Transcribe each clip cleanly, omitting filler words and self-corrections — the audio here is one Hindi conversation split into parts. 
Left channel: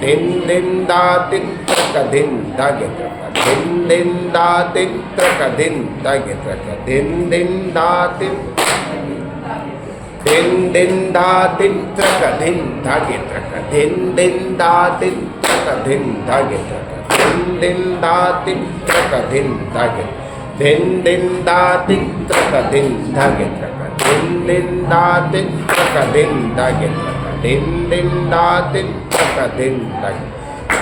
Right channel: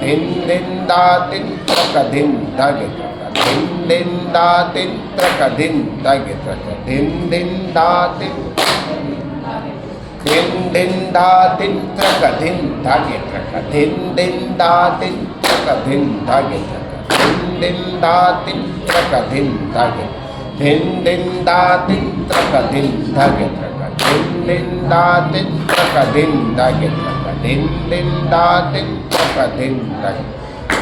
दिन दिन दा तिन त्रक दिन दागे त्रक दिन दिन दा तिन त्रक दिन दागे त्रक दिन दिन दा तिन दिन दिन दा तिन त्रक दिन दागे त्रक दिन दिन दा तिन त्रक दिन दागे त्रक दिन दिन दा तिन त्रक दिन दागे दिन दिन दा तिन त्रक दिन दागे त्रक दिन दिन दा तिन त्रक दिन दागे त्रक दिन दिन दा तिन त्रक दिन दागे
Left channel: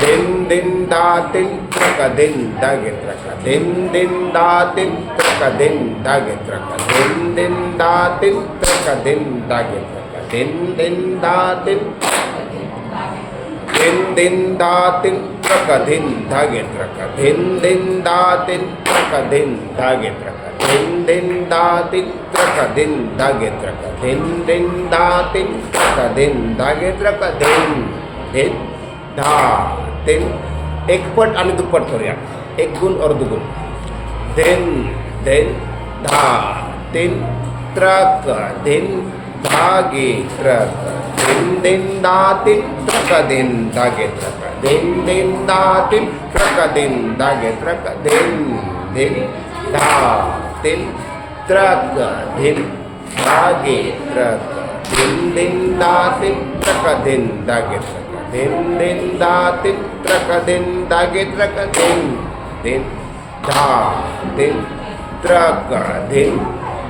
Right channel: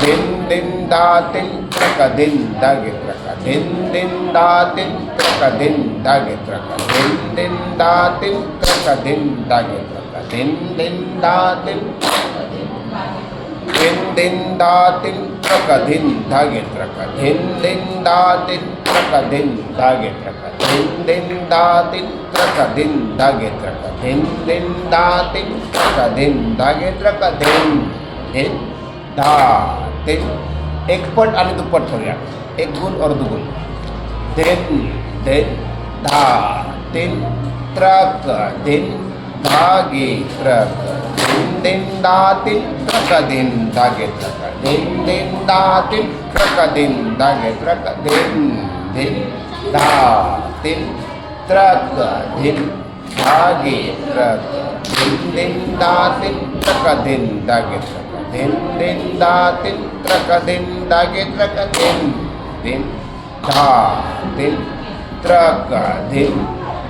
दिन दिन दा तिन त्रक दिन दागे त्रक दिन दिन दा तिन त्रक दिन दागे त्रक दिन दिन दा तिन त्रक दिन दागे त्रक दिन दिन दा तिन दिन दिन दा तिन त्रक दिन दागे त्रक दिन दिन दा तिन त्रक दिन दागे त्रक दिन दिन दा तिन त्रक दिन दागे त्रक दिन दिन दा तिन त्रक दिन दागे त्रक दिन दिन दा तिन एक पट आणि दुप्पट करूया एक गुण और दुगुण दिन दिन धा तिन त्रक दिन धागे त्रक दिन दिन दा तिन त्रक दिन दागे त्रक दिन दिन दा तिन त्रक दिन दागे त्रक दिन दिन धा तिन त्रक दिन धागे त्रक दिन दिन दा तिन त्रक दिन दागे त्रक दिन दिन दा तिन त्रक दिन दागे त्रक दिन दिन धा तिन त्रक दिन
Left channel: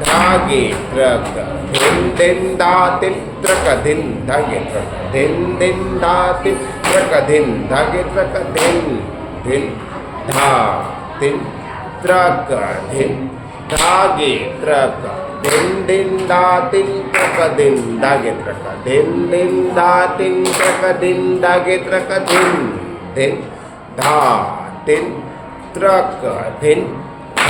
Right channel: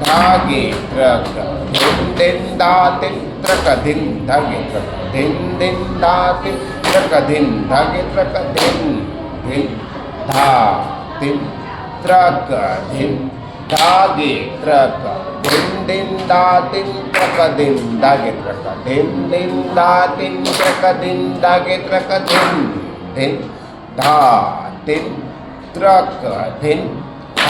धागे त्रक दिन दिन दा तिन त्रक दिन धागे त्रक दिन दिन दा तिन त्रक दिन धागे त्रक दिन दिन धा तिन त्रक दिन धागे त्रक दिन दिन दा तिन त्रक दिन दागे त्रक दिन दिन दा तिन त्रक दिन दागे त्रक दिन दिन धा तिन त्रक दिन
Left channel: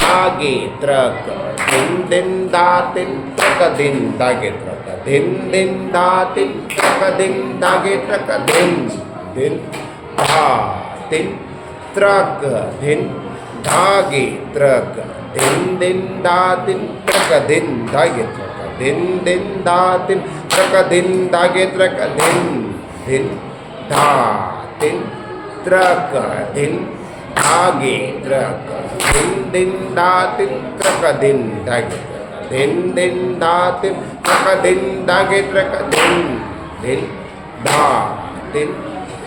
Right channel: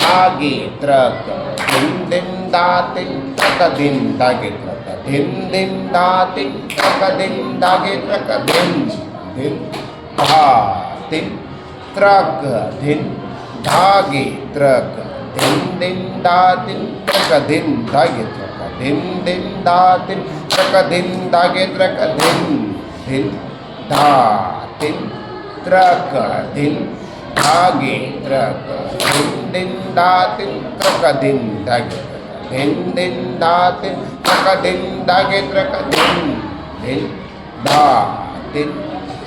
धागे त्रक दिन दिन दा तिन त्रक दिन दागे त्रक दिन दिन दा तिन त्रक दिन दागे त्रक दिन दिन धा तिन त्रक दिन धागे त्रक दिन दिन दा तिन त्रक दिन दागे त्रक दिन दिन दा तिन त्रक दिन दागे त्रक दिन दिन धा तिन त्रक दिन धागे त्रक दिन दिन दा तिन त्रक दिन दागे त्रक दिन दिन दा तिन त्रक दिन दागे त्रक दिन दिन धा तिन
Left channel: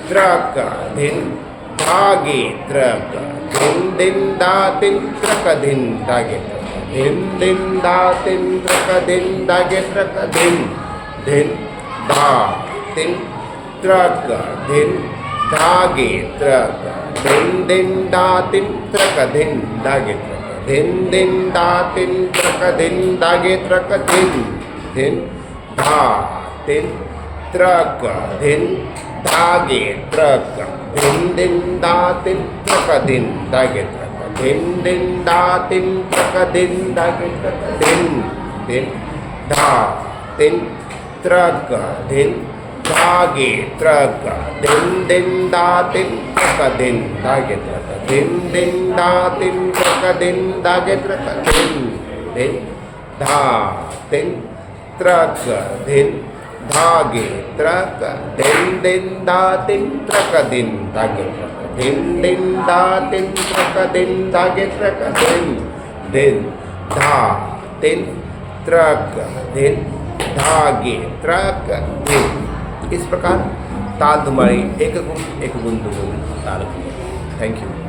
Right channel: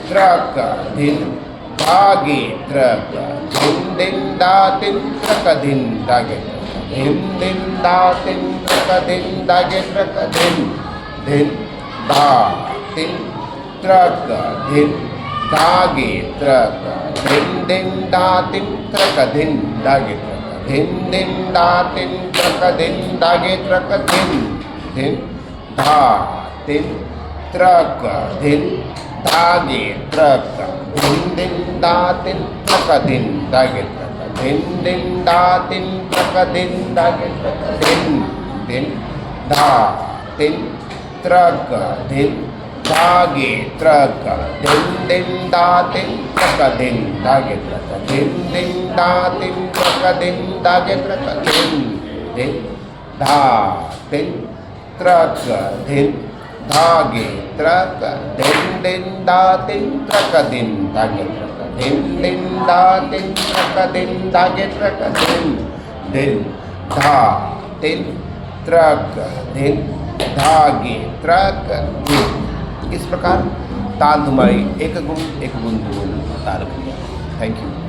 त्रक दिन धागे त्रक दिन दिन दा तिन त्रक दिन दागे त्रक दिन दिन दा तिन त्रक दिन दागे त्रक दिन दिन धा तिन त्रक दिन धागे त्रक दिन दिन दा तिन त्रक दिन दागे त्रक दिन दिन दा तिन त्रक दिन दागे त्रक दिन दिन धा तिन त्रक दिन धागे त्रक दिन दिन दा तिन त्रक दिन दागे त्रक दिन दिन दा तिन त्रक दिन दागे त्रक दिन दिन धा तिन त्रक दिन धागे त्रक दिन दिन दा तिन त्रक दिन दागे त्रक दिन दिन दा तिन त्रक दिन दागे त्रक दिन दिन धा तिन त्रक दिन धागे त्रक दिन दिन दा तिन त्रक दिन दागे त्रक दिन दिन दा तिन त्रक दिन दागे त्रक दिन दिन धा तिन त्रक दिन धागे त्रक दिन। इस प्रकार ताल धुमारी एक गुण दुगुण ताल क्रिया। Thank you.